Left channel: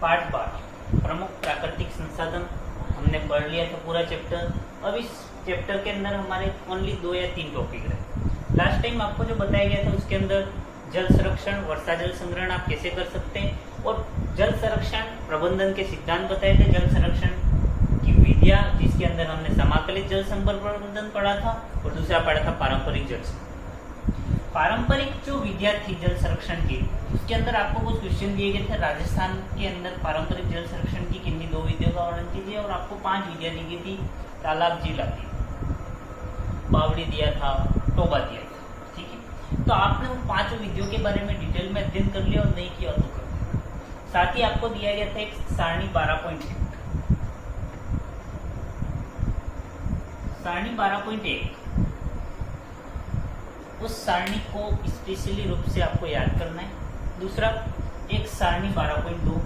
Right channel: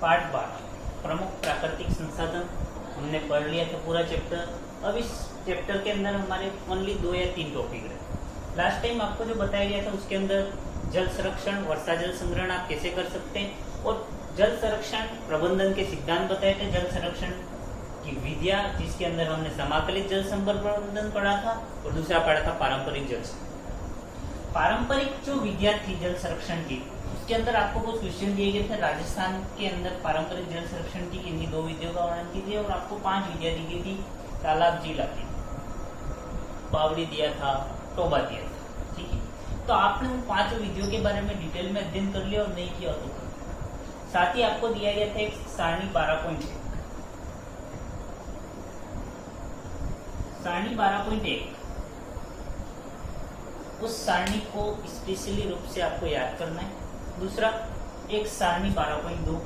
Part 12 प्रमुख प्राकृतिक संसाधन हमने पढ़ लिया था पूरा चैप्टर। अब इस चैप्टर के अंदर हमारे ओनली 2 या 3 टॉपिक रहे। लास्ट टाइम आपको जो बताया गया था उसके अंदर जल संरक्षण, वर्षा जल संग्रहण आप कैसे कर सकते हैं, और जल संरक्षण प्रबंधन के सिद्धांत बताए थे, जल संरक्षण की विधियां जिसके अंदर हमने समाकलित जल संपर्क प्रबंधन पढ़ा था, और दूसरा पढ़ा था पारंपरिक जल। पारंपरिक जो विधियां थी जल संरक्षण की, उसके अंदर आपको कुछ क्वेश्चन दिए गए थे। राजस्थान के अंदर पारंपरिक जल संरक्षण की किन्हीं 2 विधियों का वर्णन कीजिए, और आपको 5 विधियां दी गई थी। तालाब झील आती, बावड़ी दिया था, टोबा दिया था, ठीक है। तो आपने उन 5 विधियों के बारे में डिटेल में अध्ययन कर लिया, और नहीं किया तो कर। साथ ही आपको दिया गया था एक सारणी 12.1, सारणी 12.1, उस सारणी को स्पेशली रूप से आपको याद करना है। दूसरा एक सारणी 12.2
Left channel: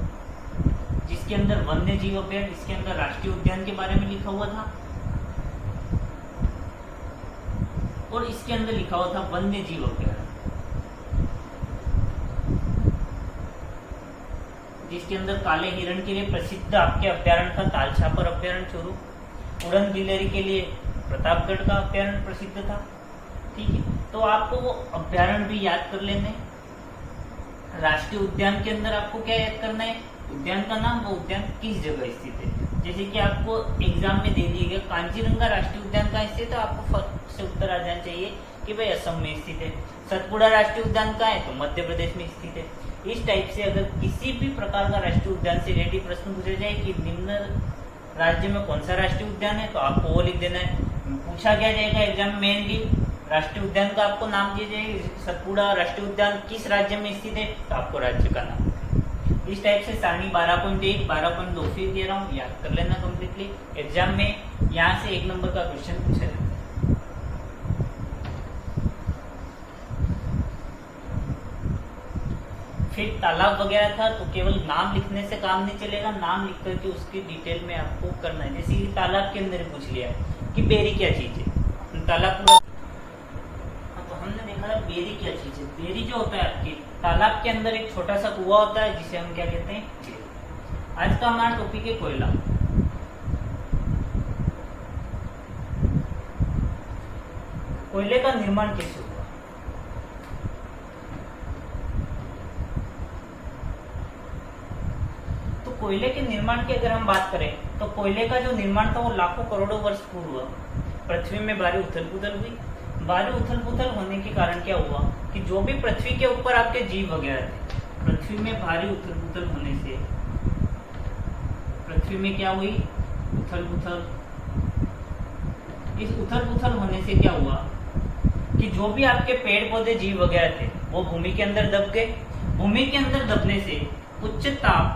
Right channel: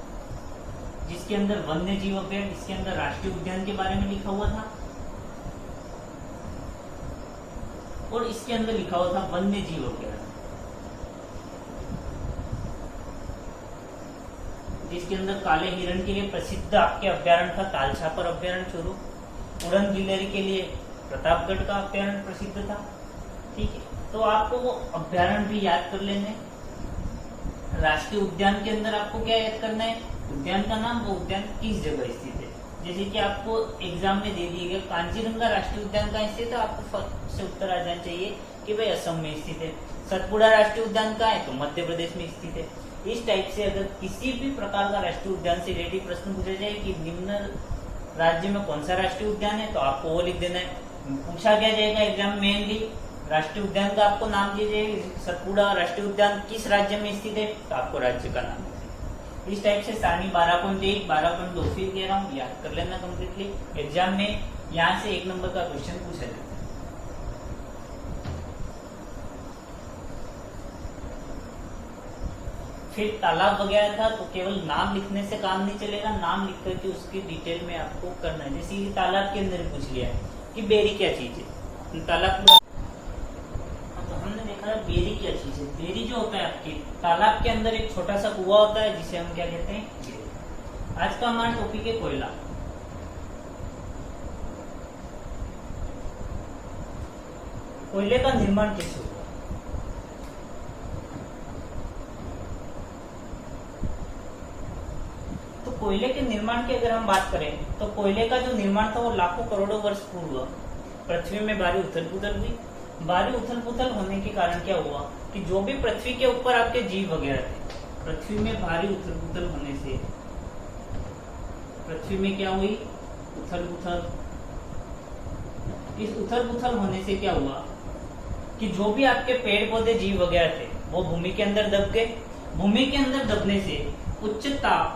जिसके अंदर वन्य जीव अभ्यारण्य, इसके अंदर राष्ट्रीय उद्यान के बारे में लिखा हुआ था, और इसके अंदर लिखा हुआ था वन्य जीव अभ्यारण्य, जिसके अंदर काले हिरण के लिए प्रसिद्ध आपके अभ्यारण्य था तालछापर अभ्यारण्य चूरू, उड़न बिलेरी के लिए प्रतापगढ़ का अभ्यारण्य प्रसिद्ध था, ठीक है। तो आपको वो अभ्यारण्य भी याद कर लेने। राष्ट्रीय उद्यान के अंदर आपको क्या याद करना है, उद्यान का नाम, वो उद्यान किस जगह स्थित है। जैसे कि आपको एग्जाम में दे दिया गया कांचीरंगा राष्ट्रीय उद्यान कहाँ स्थित है, तो आपको फर्स्ट से उत्तर आ जाना चाहिए कि भाई असम में स्थित है। सतपुड़ा राष्ट्रीय उद्यान कहाँ है, तो मध्य प्रदेश में स्थित है। इस टाइप से अगर किसी भी प्रकार का राष्ट्रीय उद्यान से रिलेटेड प्रश्न पूछा जाए कि निम्न राज्य में कौन सा राष्ट्रीय उद्यान है, तो आपको वो लिख देना है। पूछा क्या जाएगा एग्जाम मेनली, राष्ट्रीय उद्यान का आपको नाम दीजिए, सतपुड़ा राष्ट्रीय उद्यान किस राज्य में स्थित है, तो आपको राज्य का नाम। इस टाइप से सारणी 12.1, 12.2 फिर कह रहा हूँ, याद कर लेना कम्प्लीटली। एग्जाम में यहाँ से 1 नंबर का क्वेश्चन पूछा जाए। फिर तालाब वगैरह था तो केवल नाम लिखने से काम नहीं चलेगा, नाम लिख करके उसकी डिटेल में आपको करना है। जैसे कि तालाब के अंदर पूछ लिया कि बेरी क्या चीज है, तालाब पूरा हमने देखा है बेरी क्या चीज है। बेरी जो होता है आपकी तालाब के अंदर एक छोटा सा कुआं होता है जिसे हम क्या कहते हैं। आज का हमारा टॉपिक है कोयला। कोयले का निर्माण कैसे हुआ, तो कोयले के निर्माण की अगर हम बात करें तो कोयले का जो निर्माण था वो लाखों करोड़ों वर्ष पूर्व पृथ्वी में भारी उथल पुथल हुई। भारी उथल पुथल होने के कारण क्या हुआ कि जो भी पृथ्वी के ऊपर आपके जीव वगैरह थे, पृथ्वी में भारी उथल पुथल होने से पृथ्वी में क्या हुई, उथल पुथल। इस उथल पुथल होने से क्या हुआ कि जो भी आपके पेड़ पौधे जीव वगैरह थे वो भूमि के अंदर दब गए। भूमि के अंदर दबने से उच्च ताप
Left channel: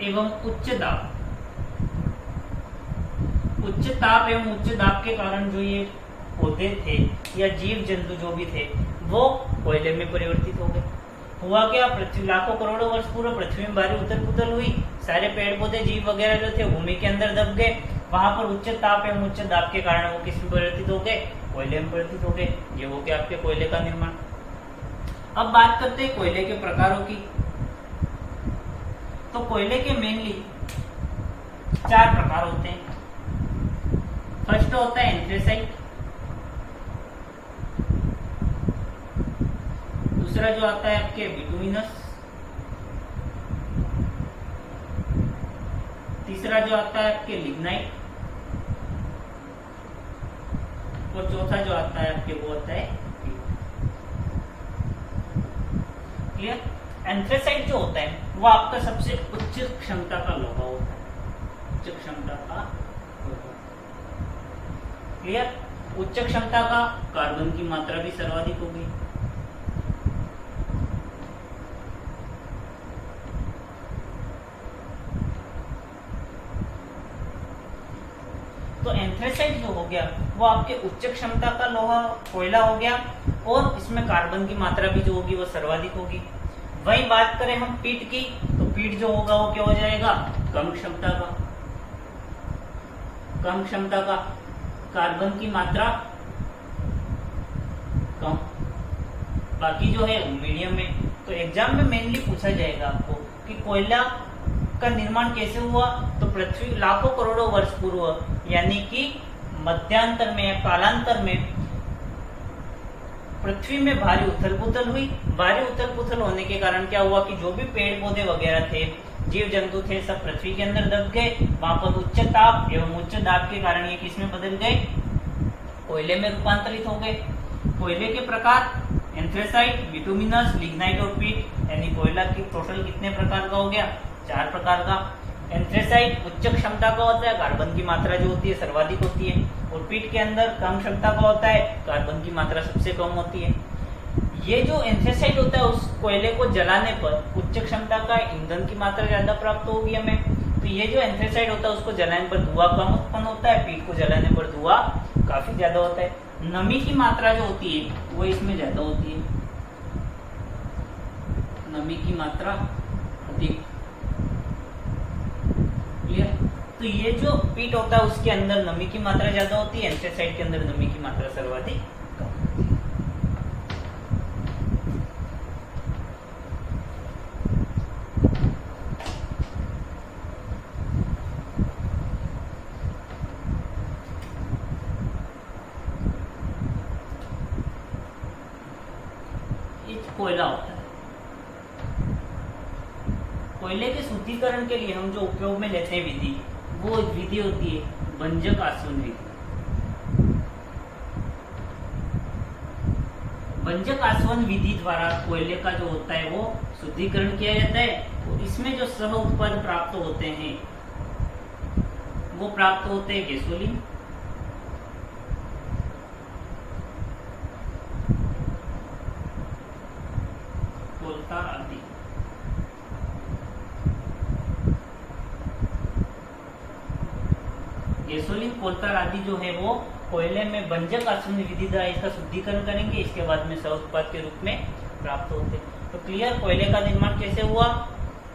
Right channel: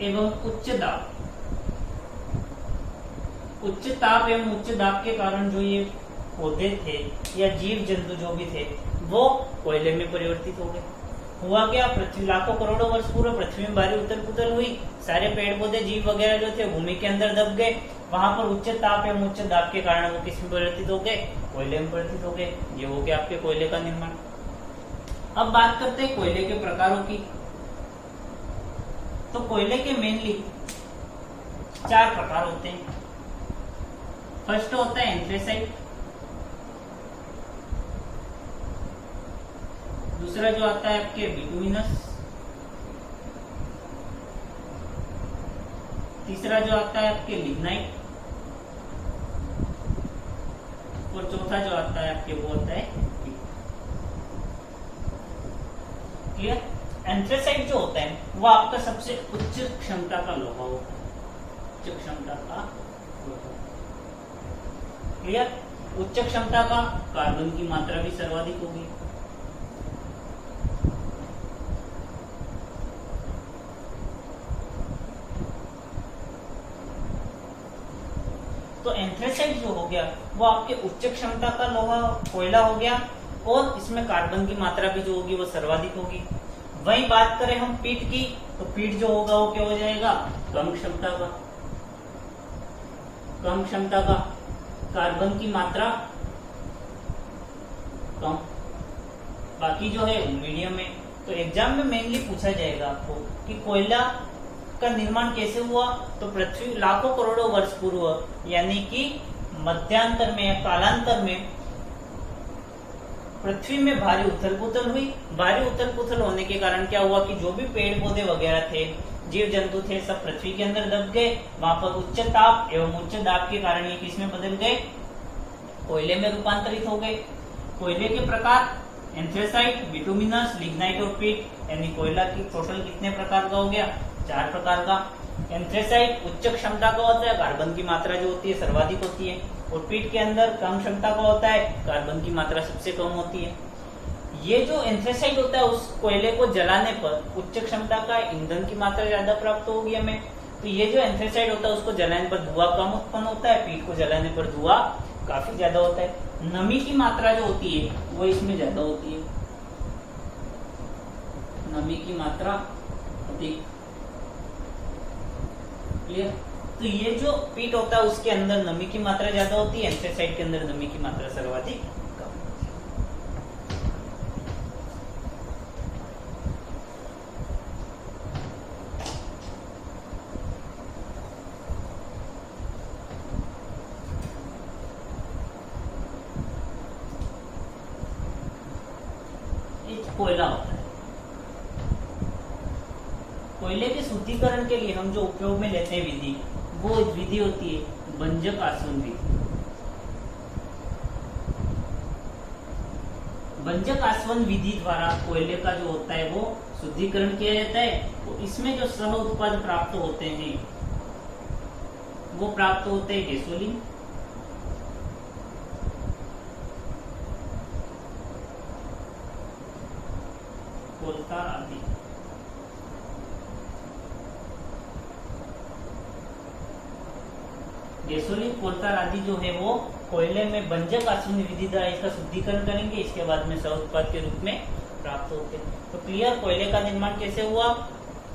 एवं उच्च दाब, उच्च ताप एवं उच्च दाब के कारण जो ये पौधे थे या जीव जंतु जो भी थे वो कोयले में परिवर्तित हो गए। हुआ क्या, पृथ्वी लाखों करोड़ों वर्ष पूर्व पृथ्वी में भारी उथल पुथल हुई, सारे पेड़ पौधे जीव वगैरह जो थे भूमि के अंदर दब गए। वहां पर उच्च ताप एवं उच्च दाब के कारण वो किस में परिवर्तित हो गए, कोयले में परिवर्तित हो गए। ये हो गया आपके कोयले का निर्माण। अब बात करते हैं कोयले के प्रकारों की। तो कोयले के मेनली 4 प्रकार होते हैं। फर्स्ट होता है एंथ्रेसाइट, दूसरा जो आता है आपके बिटुमिनस, तीसरा जो आता है आपके लिग्नाइट, और चौथा जो आता है आपके वो आता है क्लियर। एंथ्रेसाइट जो होता है वो आपका सबसे उच्च क्षमता का लोहा होता है, उच्च क्षमता का लोहा, क्लियर। उच्च क्षमता का, कार्बन की मात्रा भी सर्वाधिक होगी। तो एंथ्रेसाइट जो हो गया वो आपके उच्च क्षमता का लोहा कोयला हो गया, और इसमें कार्बन की मात्रा भी जो होगी वो सर्वाधिक होगी। वही बात करें हम पीट की, तो पीट जो होगा वो क्या हो जाएगा, कम क्षमता का, कम क्षमता का, कार्बन की मात्रा कम, बाकी जो है मीडियम में। तो एग्जाम में मेनली पूछा जाएगा आपको कि कोयला का निर्माण कैसे हुआ, तो पृथ्वी लाखों करोड़ों वर्ष पूर्व यानी कि मध्यांतर में या कालांतर में पृथ्वी में भारी उथल पुथल हुई। भारी उथल पुथल होने के कारण क्या हुआ कि जो भी पेड़ पौधे वगैरह थे, जीव जंतु थे, सब पृथ्वी के अंदर दब गए। वहां पर उच्च ताप एवं उच्च दाब के कारण ये किसमें बदल गए, कोयले में रूपांतरित हो गए। कोयले के प्रकार एंथ्रेसाइट, बिटुमिनस, लिग्नाइट और पीट, यानी कोयला की टोटल कितने प्रकार का हो गया, 4 प्रकार का। एंथ्रेसाइट उच्च क्षमता का होता है, कार्बन की मात्रा जो होती है सर्वाधिक होती है। और पीट के अंदर कम क्षमता का होता है, कार्बन की मात्रा सबसे कम होती है। ये जो एंथ्रेसाइट होता है उस कोयले को जलाने पर उच्च क्षमता का ईंधन की मात्रा ज्यादा प्राप्त होगी हमें। तो ये जो एंथ्रेसाइट होता है उसको जलाने पर धुआं कम उत्पन्न होता है, पीट को जलाने पर धुआं काफी ज्यादा होता है। नमी की मात्रा जो होती है वो इसमें ज्यादा होती है, नमी की मात्रा अधिक। क्लियर? तो ये जो पीट होता है उसके अंदर नमी की मात्रा ज्यादा होती है, एंथ्रेसाइट के अंदर नमी की मात्रा सर्वाधिक कम होती है। कोयला होता है। कोयले के शुद्धिकरण के लिए हम जो उपयोग में लेते हैं विधि, वो विधि होती है भंजक आसवन विधि। भंजक आसवन विधि द्वारा कोयले का जो होता है वो शुद्धिकरण किया जाता है। तो इसमें जो सह उत्पाद प्राप्त होते हैं वो प्राप्त होते हैं गैसोलीन, कोलतार आदि। गैसोलीन, कोलतार आदि जो है वो कोयले में भंजक आसवन विधि द्वारा इसका शुद्धिकरण करेंगे, इसके बाद में सह उत्पाद के रूप में प्राप्त होते हैं। तो क्लियर, कोयले का निर्माण कैसे हुआ,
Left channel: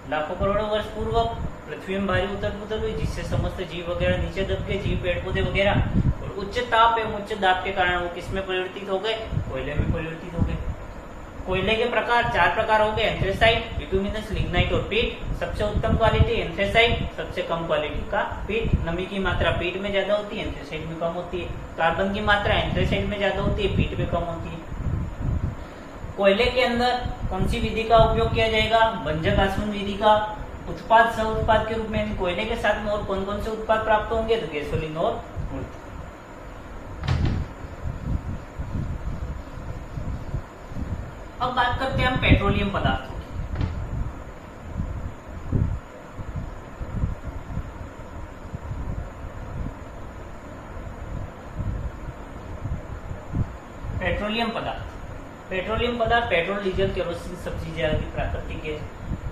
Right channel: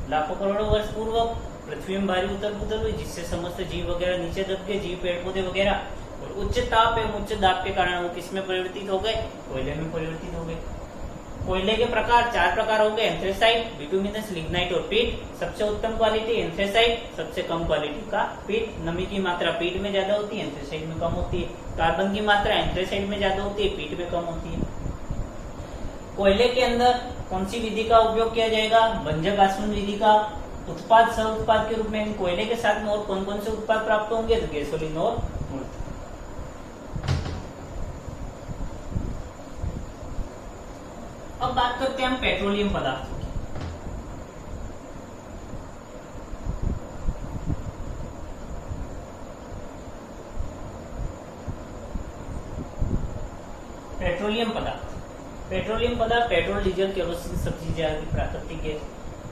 लाखों करोड़ों वर्ष पूर्व पृथ्वी में भारी उथल पुथल हुई जिससे समस्त जीव वगैरह नीचे दब गए, जीव पेड़ पौधे वगैरह, और उच्च ताप एवं उच्च दाब के कारण वो किसमें परिवर्तित हो गए, कोयले में परिवर्तित हो गए। कोयले के प्रकार 4 प्रकार हो गए, एंथ्रेसाइट, बिटुमिनस, लिग्नाइट और पीट। सबसे उत्तम क्वालिटी एंथ्रेसाइट, सबसे कम क्वालिटी का पीट। नमी की मात्रा पीट में ज्यादा होती है, एंथ्रेसाइट में कम होती है। कार्बन की मात्रा एंथ्रेसाइट में ज्यादा होती है, पीट में कम होती है। कोयले के अंदर कौन सी विधि का उपयोग किया जाएगा, भंजक आसवन विधि का। उत्पाद सह उत्पाद के रूप में कोयले के साथ में और कौन कौन से उत्पाद प्राप्त होंगे, तो गैसोलीन और मूर्त। अब बात करते हैं हम पेट्रोलियम पदार्थों की। पेट्रोलियम पदार्थ, पेट्रोलियम पदार्थ पेट्रोल, डीजल, केरोसिन, सब चीजें आदि प्राकृतिक गैस,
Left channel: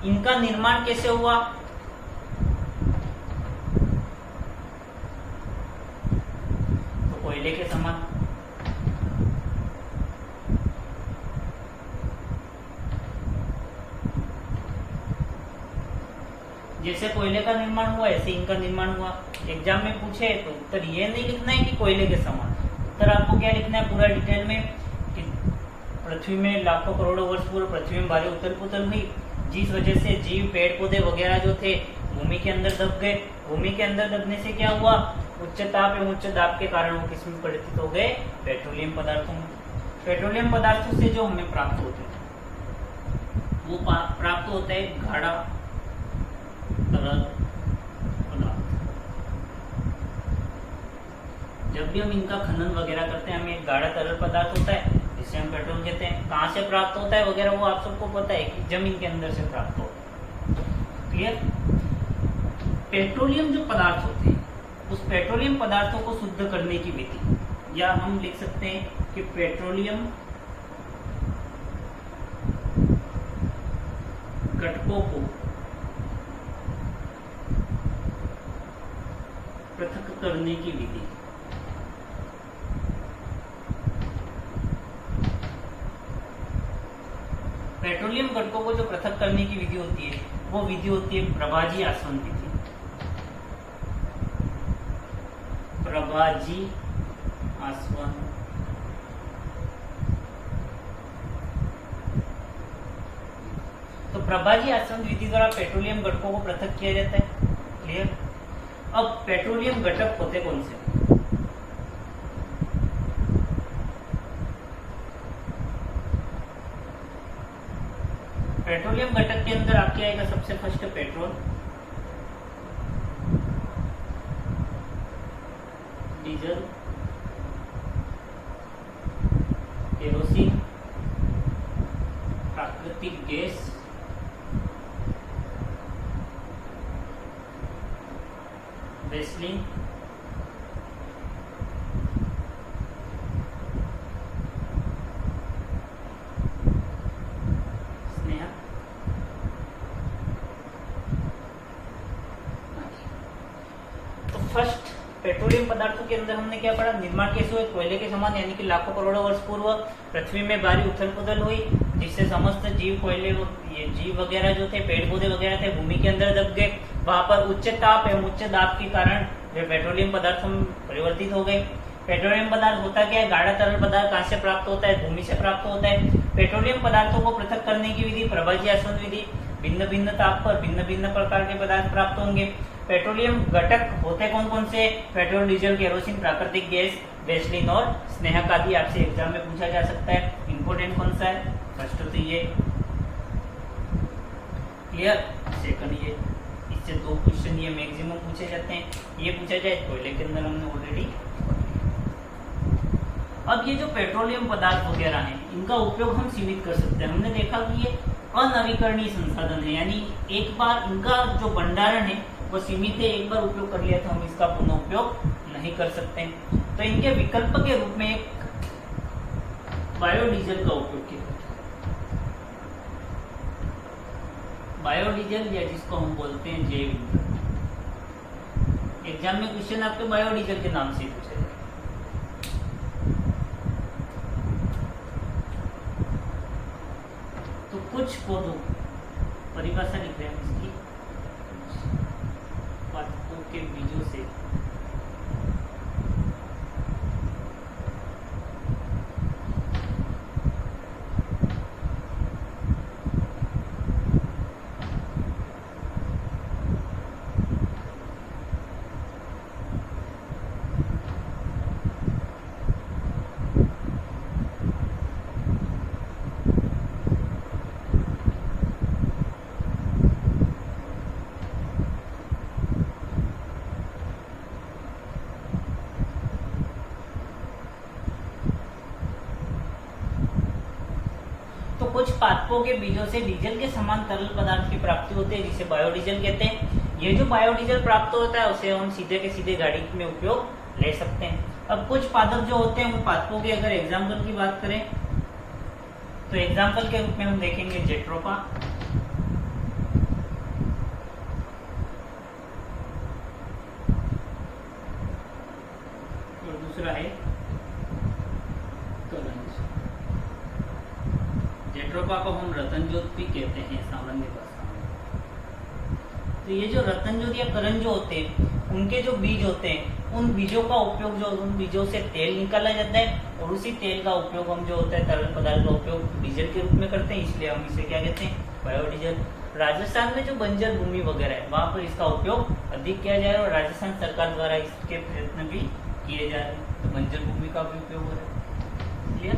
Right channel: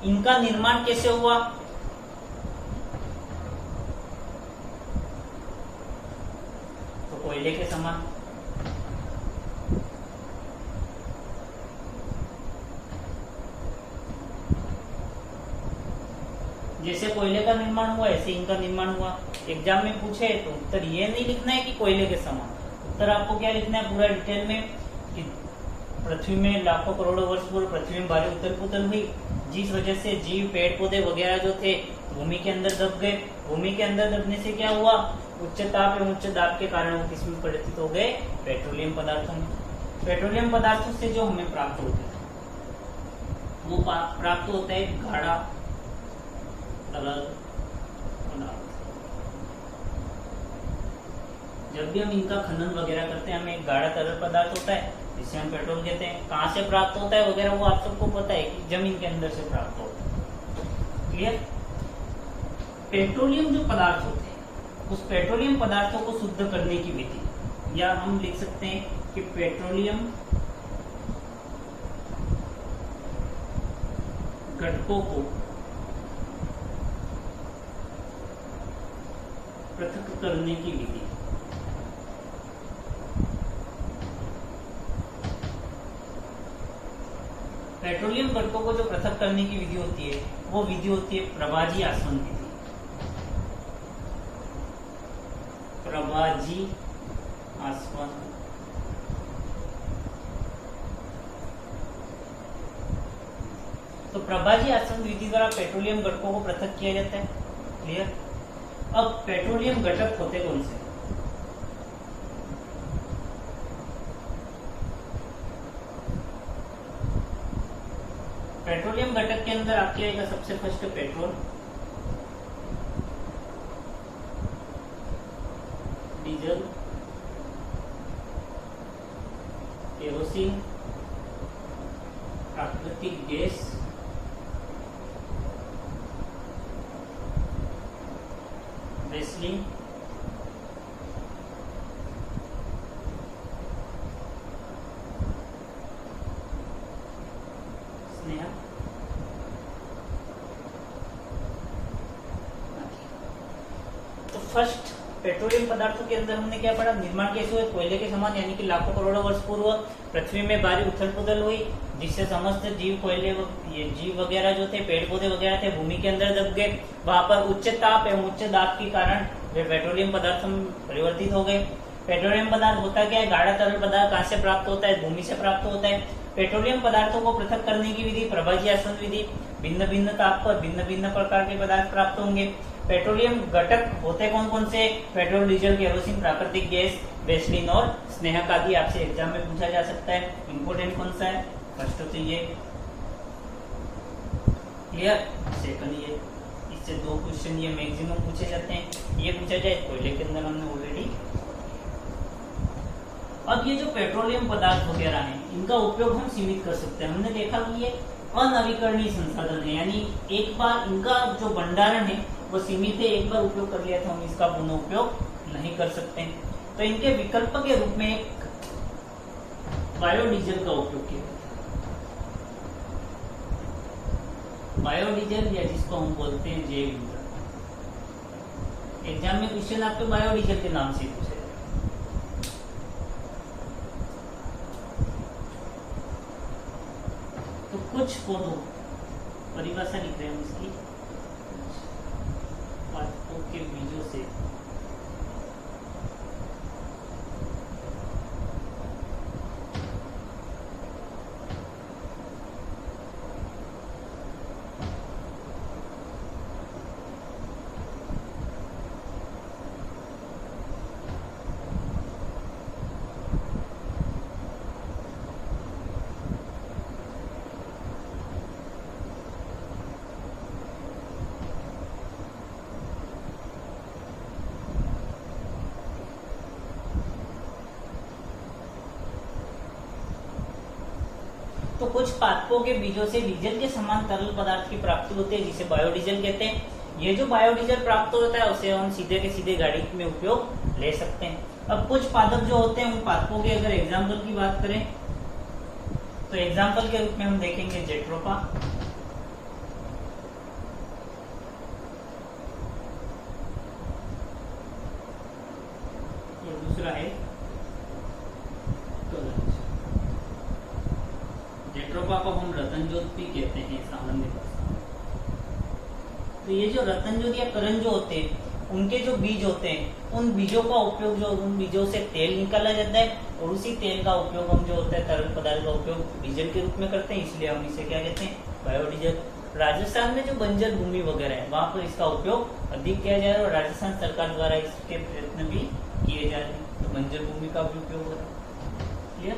इनका निर्माण कैसे हुआ, तो कोयले के समान। जैसे कोयले का निर्माण हुआ ऐसे इनका निर्माण हुआ। एग्जाम में पूछे तो उत्तर ये नहीं लिखना है कि कोयले के समान, उत्तर आपको क्या लिखना है पूरा डिटेल में कि पृथ्वी में लाखों करोड़ों वर्ष पूर्व पृथ्वी में भारी उथल पुथल हुई जिस वजह से जीव पेड़ पौधे वगैरह जो थे भूमि के अंदर दब गए। भूमि के अंदर दबने से क्या हुआ, उच्च ताप एवं उच्च दाब के कारण वो किसमें परिवर्तित हो गए, पेट्रोलियम पदार्थों में। पेट्रोलियम पदार्थों से जो हमें प्राप्त होते हैं वो प्राप्त होता है गाढ़ा तरल पदार्थ। जब भी हम इनका खनन वगैरह करते हैं हमें एक गाढ़ा तरल पदार्थ होता है जिससे हम पेट्रोल कहते हैं। कहाँ से प्राप्त होता है वगैरह वो आप सबको पता है कि जमीन के अंदर से प्राप्त होता है। क्लियर? पेट्रोलियम जो पदार्थ होते हैं उस पेट्रोलियम पदार्थों को शुद्ध करने की विधि, या हम लिख सकते हैं कि पेट्रोलियम घटकों को पृथक करने की विधि। पेट्रोलियम घटकों को जो पृथक करने की विधि होती है वो विधि होती है प्रभाजी आसवन विधि। प्रभाजी आसवन तो प्रभाजी आसवन विधि द्वारा पेट्रोलियम घटकों को पृथक किया जाता है। क्लियर। अब पेट्रोलियम घटक होते कौन से? पेट्रोलियम घटक के अंदर आपके आएगा सबसे फर्स्ट पेट्रोल, डीजल, केरोसिन, प्राकृतिक गैस, वैसलीन, स्नेहा। तो फर्स्ट पेट्रोलियम पदार्थों के अंदर हमने क्या पढ़ा? निर्माण कैसे हुए? कोयले के समान, यानी कि लाखों करोड़ों वर्ष पूर्व पृथ्वी में भारी उथल पुथल हुई, जिससे समस्त जीव, कोयले, ये जीव वगैरह जो थे, पेड़ पौधे वगैरह थे, भूमि के अंदर दब गए। वहां पर उच्च ताप एवं उच्च दाब के कारण वे पेट्रोलियम पदार्थ में परिवर्तित हो गए। पेट्रोलियम पदार्थ होता क्या है? गाढ़ा तरल पदार्थ कहाँ से प्राप्त होता है? भूमि से प्राप्त होता है। पेट्रोलियम पदार्थों को पृथक करने की विधि प्रभाजी आसवन विधि। भिन्न भिन्न ताप पर भिन्न भिन्न प्रकार के पदार्थ प्राप्त होंगे। पेट्रोलियम घटक होते कौन कौन से? पेट्रोल, डीजल, केरोसिन, प्राकृतिक गैस, वैसलीन और स्नेहक आदि। आपसे एग्जाम में पूछा जा सकता है। इंपोर्टेंट कौन सा है? फर्स्ट तो ये। क्लियर। सेकंड ये। इससे 2 क्वेश्चन ये मैक्सिमम पूछे जाते हैं। ये पूछा जाए कोयले के अंदर हमने ऑलरेडी। अब ये जो पेट्रोलियम पदार्थ वगैरह हैं, इनका उपयोग हम सीमित कर सकते हैं। हमने देखा कि ये अनवीकरणीय संसाधन है, यानी एक बार इनका जो भंडारण है वो सीमित है। एक बार उपयोग कर लिया तो हम इसका पुनः उपयोग नहीं कर सकते। तो इनके विकल्प के रूप में एक बायोडीजल का उपयोग किया। बायोडीजल, या जिसको हम बोलते हैं जैव ईंधन। एग्जाम में क्वेश्चन आपके बायोडीजल के नाम से पूछे। तो कुछ पौधों, परिभाषा लिख रहे हैं हम इसकी, पादपों के बीजों से तो कुछ पादपों के बीजों से डीजल के समान तरल पदार्थ की प्राप्ति होती है, जिसे बायोडीजल कहते हैं। ये जो बायोडीजल प्राप्त होता है उसे हम सीधे के सीधे गाड़ी में उपयोग ले सकते हैं। अब कुछ पादप जो होते हैं उन पादपों के अगर एग्जाम्पल की बात करें तो एग्जाम्पल के रूप में हम देखेंगे जेट्रोपा, और दूसरा है कलंज। जेट्रोपा को हम रतनजोत भी कहते हैं सामान्य भाषा में। तो ये जो रतनजोत या कलंज होते हैं, उनके जो बीज होते हैं, उन बीजों का उपयोग, जो उन बीजों से तेल निकाला जाता है, और उसी तेल का उपयोग हम जो होता है तरल पदार्थ का उपयोग डीजल के रूप में करते हैं, इसलिए हम इसे क्या कहते हैं? बायोडीजल। राजस्थान में जो बंजर भूमि वगैरह है वहां पर इसका उपयोग अधिक किया जा रहा है, और राजस्थान सरकार द्वारा इसके प्रयत्न भी किए जा रहे हैं। तो बंजर भूमि का भी उपयोग हो रहा है। क्लियर।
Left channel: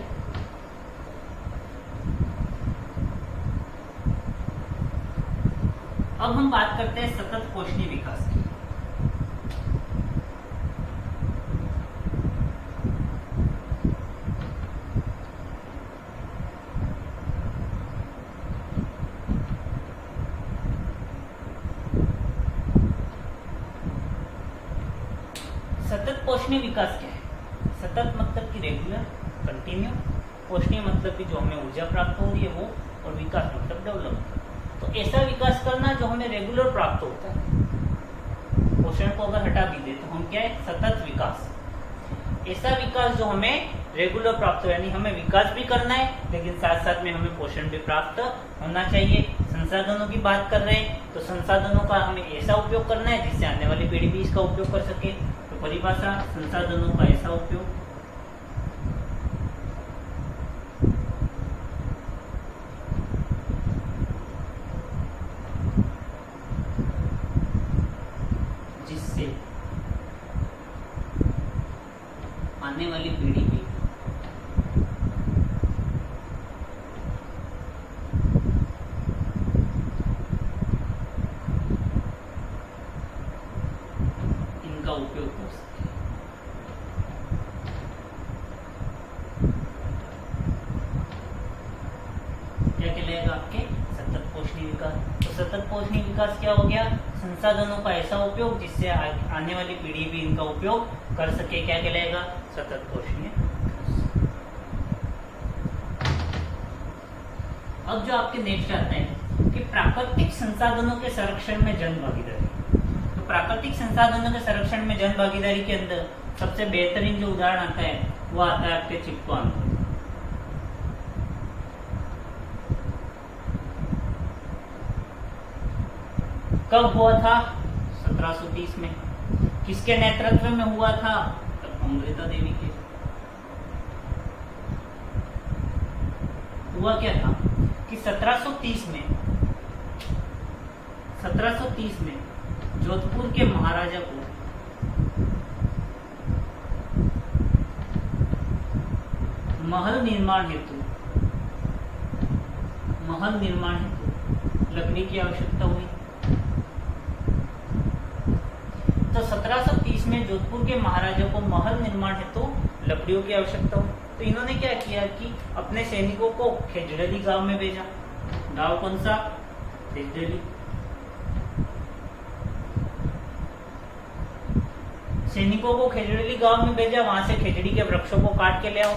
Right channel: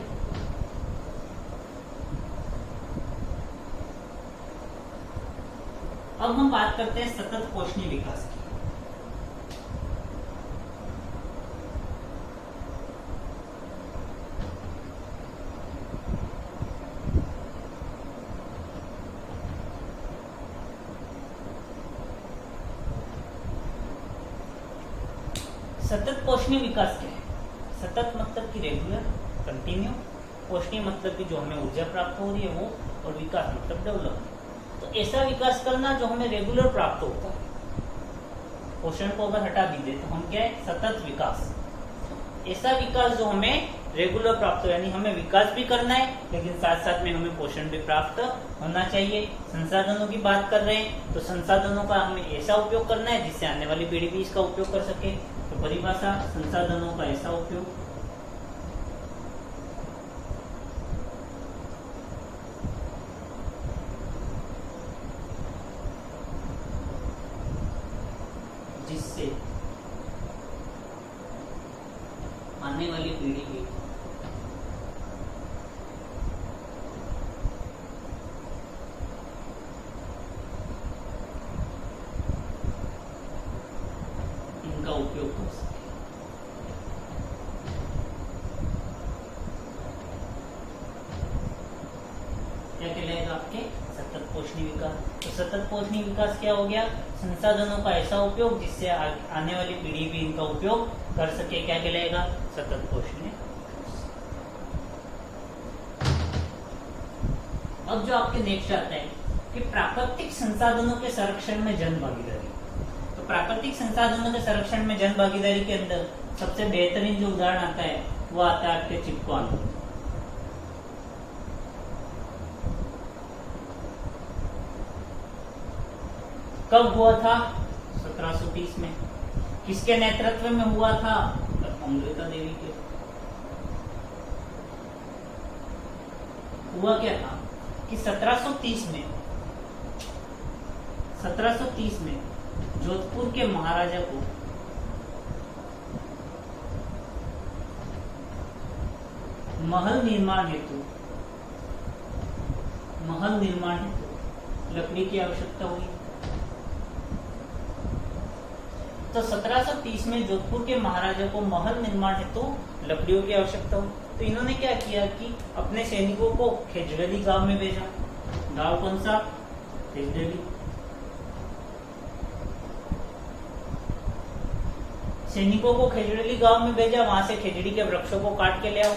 अब हम बात करते हैं सतत पोषणीय विकास की। सतत पोषणीय विकास क्या है? सतत मतलब कि रेगुलर, कंटिन्यू। पोषणीय मतलब कि जो हमें ऊर्जा प्राप्त हो रही है वो, और विकास मतलब डेवलपमेंट। तो ऐसा विकास करना जो हमें रेगुलर प्राप्त होता है। पोषण को अगर हटा भी दे तो हम क्या है? सतत विकास। ऐसा विकास जो हमें रेगुलर प्राप्त हो, यानी हमें विकास भी करना है लेकिन साथ साथ में हमें पोषण भी प्राप्त होना चाहिए। संसाधनों की बात कर रहे हैं तो संसाधनों का हमें ऐसा उपयोग करना है जिससे आने वाली पीढ़ी भी इसका उपयोग कर सके। तो परिभाषा, संसाधनों का ऐसा उपयोग आने वाली पीढ़ी भी इनका उपयोग कर सके। क्या कहलाएगा आपके सतत पोषणीय विकास। तो सतत पोषणीय विकास क्या हो गया? संसाधनों का ऐसा उपयोग जिससे आने वाली पीढ़ी भी इनका उपयोग कर सके। क्या कहलाएगा? सतत पोषणीय विकास। अब जो आपके नेक्स्ट आता है कि प्राकृतिक संसाधनों के संरक्षण में जन भागीदारी। तो प्राकृतिक संसाधनों के संरक्षण में जन भागीदारी के अंदर सबसे बेहतरीन जो उदाहरण आता है वो आता है आपके चिपको आंदोलन। कब हुआ था? 1730 में। किसके नेतृत्व में हुआ था? अमृता देवी के। हुआ क्या था कि 1730 में जोधपुर के महाराजा को महल निर्माण हेतु लकड़ी की आवश्यकता हुई। तो 1730 में जोधपुर के महाराजा को महल निर्माण हेतु लकड़ियों की आवश्यकता हुई। तो इन्होंने क्या किया कि अपने सैनिकों को खेजड़ेली गांव में भेजा। गांव कौन सा? खेजड़ेली। सैनिकों को खेजड़ेली गांव में भेजा, वहां से खेजड़ी के वृक्षों को काट के ले आओ।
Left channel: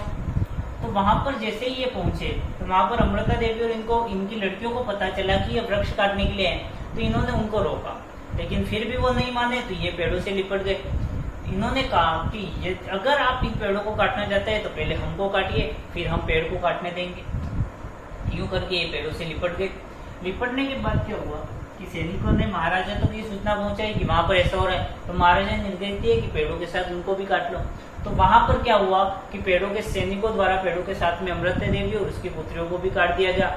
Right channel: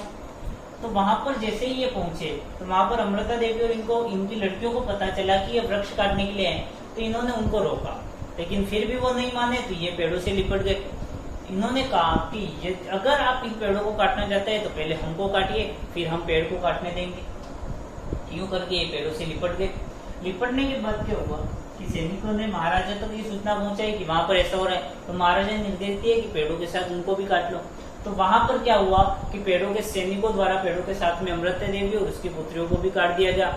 तो वहां पर जैसे ही ये पहुंचे तो वहां पर अमृता देवी और इनकी लड़कियों को पता चला कि ये वृक्ष काटने के लिए हैं। तो इन्होंने उनको रोका, लेकिन फिर भी वो नहीं माने तो ये पेड़ों से लिपट गए। इन्होंने कहा कि ये अगर आप इन पेड़ों को काटना चाहते हैं तो पहले हमको काटिए, फिर हम पेड़ को काटने देंगे। यूं करके ये पेड़ों से लिपट गए। लिपटने के बाद क्या हुआ कि सैनिकों ने महाराजा तक ये सूचना पहुंचाई कि वहां पर ऐसा हो रहा है। तो महाराजा ने निर्देश दिए कि पेड़ों के साथ उनको भी काट लो। तो वहां पर क्या हुआ कि पेड़ों के सैनिकों द्वारा पेड़ों के साथ में अमृता देवी और उसकी पुत्रियों को भी काट दिया गया।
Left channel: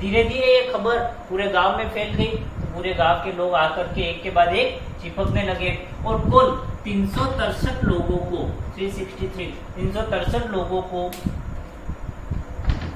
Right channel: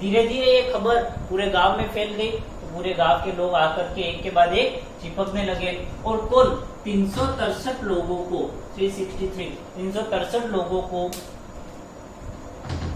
धीरे धीरे ये खबर पूरे गांव में फैल गई। तो पूरे गांव के लोग आकर के एक के बाद एक चिपकने लगे और कुल 363 लोगों को 363 लोगों को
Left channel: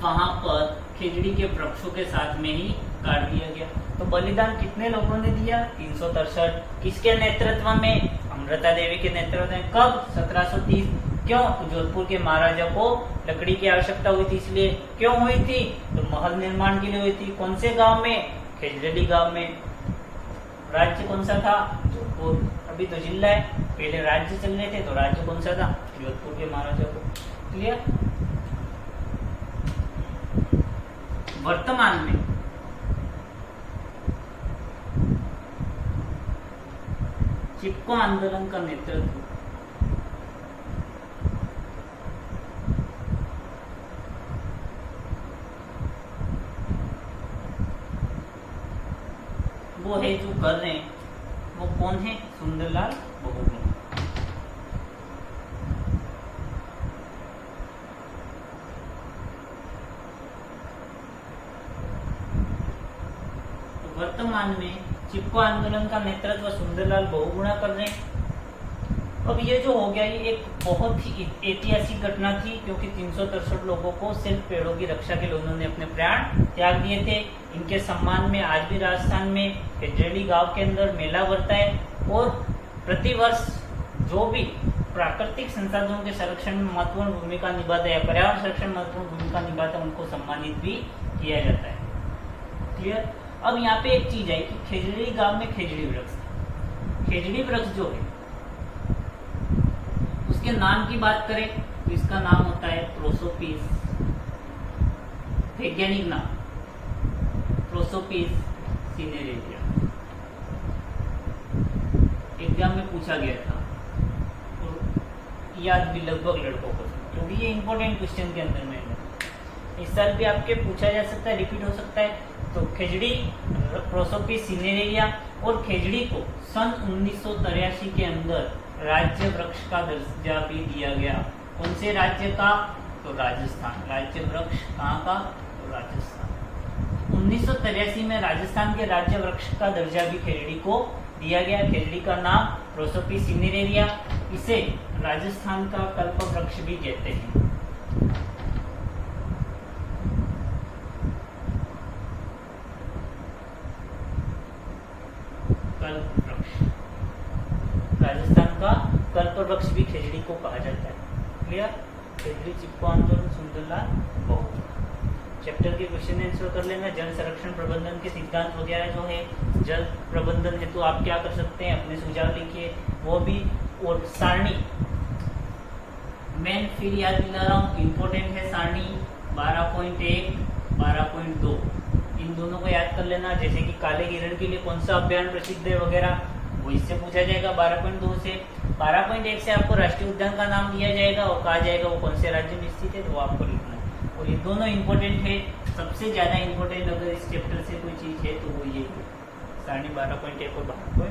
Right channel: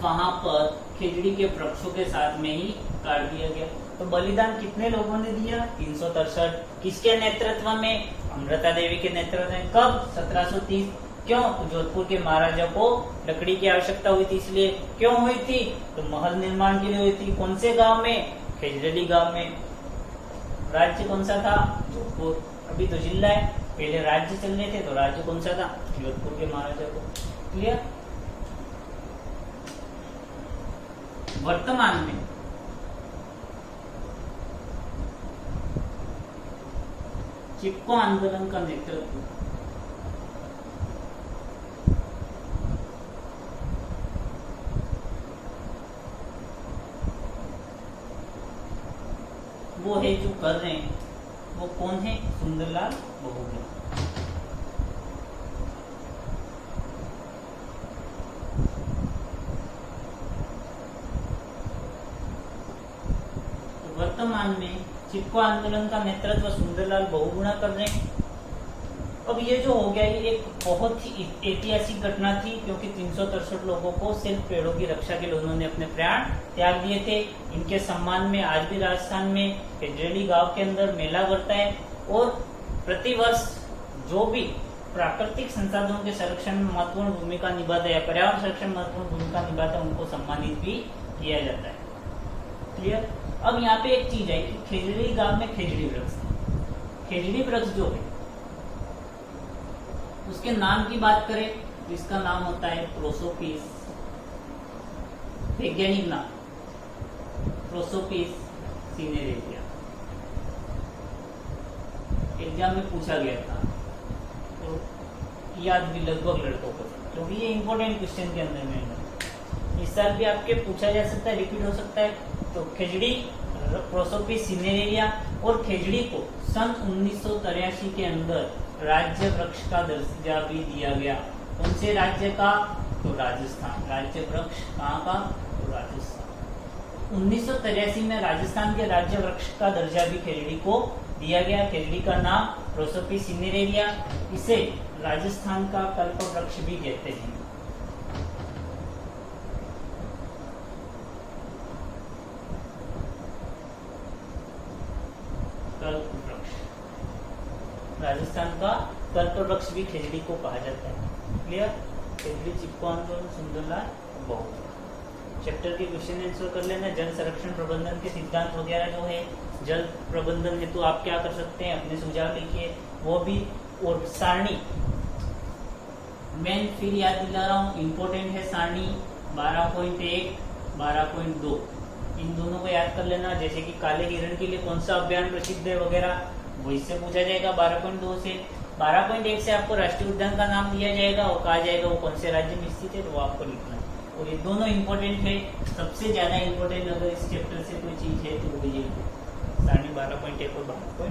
वहां पर खेजड़ी के वृक्षों के साथ में ही काट दिया गया। तो बलिदान कितने लोगों ने दिया? 363। किसके नेतृत्व में? अमृता देवी के नेतृत्व में। कब? 1730। क्यों? तो जोधपुर के महाराजा को लकड़ी की आवश्यकता हुई थी, इसलिए। क्यों हुई थी? तो महल निर्माण के लिए हुई थी। कौन से गांव में? खेजड़ेली गांव में। राज्य कौन सा था? जोधपुर। अभी तो जिला है, पहले राज्य चल रहे थे। तो राज्य कौन सा था? जोधपुर के महाराजा को। क्लियर? वर्तमान में चिपको आंदोलन का नेतृत्व वो है जो कर रहे हैं, वो कौन है? सुंदरलाल बहुगुणा। तो वर्तमान में चिपको आंदोलन का नेतृत्व सुंदरलाल बहुगुणा कर रहे हैं। अब ये जो हो गया, ये एक बहुत ही ऐतिहासिक घटना थी, क्योंकि 363 लोगों को सिर्फ पेड़ों की रक्षा के लिए उन्होंने अपने प्राण त्याग दिए थे। इनके सम्मान में आज भी राजस्थान में खेजड़ेली गांव के अंदर मेला भरता है और प्रतिवर्ष जो भी प्राकृतिक संसाधनों के संरक्षण में महत्वपूर्ण भूमिका निभाता है या पर्यावरण संरक्षण में महत्वपूर्ण भूमिका निभाता है, उनको सम्मानित भी किया जाता है। क्लियर? अब यहाँ पे एक चीज है कि खेजड़ी गांव में खेजड़ी वृक्ष था। खेजड़ी वृक्ष जो है उसके नाम की बात करें तो इसका नाम होता है प्रोसोपिस। वैज्ञानिक नाम प्रोसोपिस सिनेरेरिया। एग्जाम में पूछा गया था और याद भी लगभग लड़कों को, क्योंकि ये इंपॉर्टेंट क्वेश्चन के अंदर में इस साल भी आपके पूछा जा सकता है, रिपीट हो सकता है। तो खेजड़ी प्रोसोपिस सिनेरेरिया और खेजड़ी को सन 1983 के अंदर राज्य वृक्ष का दर्जा भी दिया गया। कौन से राज्य का? तो राजस्थान। राज्य वृक्ष कहाँ का? तो राजस्थान। 1983 में राजस्थान के राज्य वृक्ष का दर्जा भी खेजड़ी को दिया गया। खेजड़ी का नाम प्रोसोपिस सिनेरेरिया, इसे राजस्थान का कल्प वृक्ष भी कहते हैं। कल्प वृक्ष, राजस्थान का कल्प वृक्ष भी खेजड़ी को कहा जाता है। क्लियर? खेजड़ी, चिपको आंदोलन, सुंदरलाल बहुगुणा। चैप्टर के क्वेश्चन आंसर कर लेना। जल संरक्षण प्रबंधन के सिद्धांत वगैरह जो है, जल प्रबंधन हेतु आप क्या कर सकते हैं, अपने सुझाव लिखिए, वो भी। और सारणी मैं फिर याद दिला रहा हूँ, इम्पोर्टेंट है सारणी 12.1, 12.2, इन दोनों को याद कर लेना। जैसे कि काले हिरण के लिए कौन सा अभ्यारण्य प्रसिद्ध है वगैरह, वो इससे पूछा जाएगा 12.2 से। 12.1 से आपको राष्ट्रीय उद्यान का नाम दिया जाएगा और कहा जाएगा वो कौन से राज्य में स्थित है, तो वो आपको लिखना है। और ये दोनों इंपॉर्टेंट है। सबसे ज्यादा इंपॉर्टेंट अगर इस चैप्टर से कोई चीज है तो वो ये सारणी 12.1 और 12.2।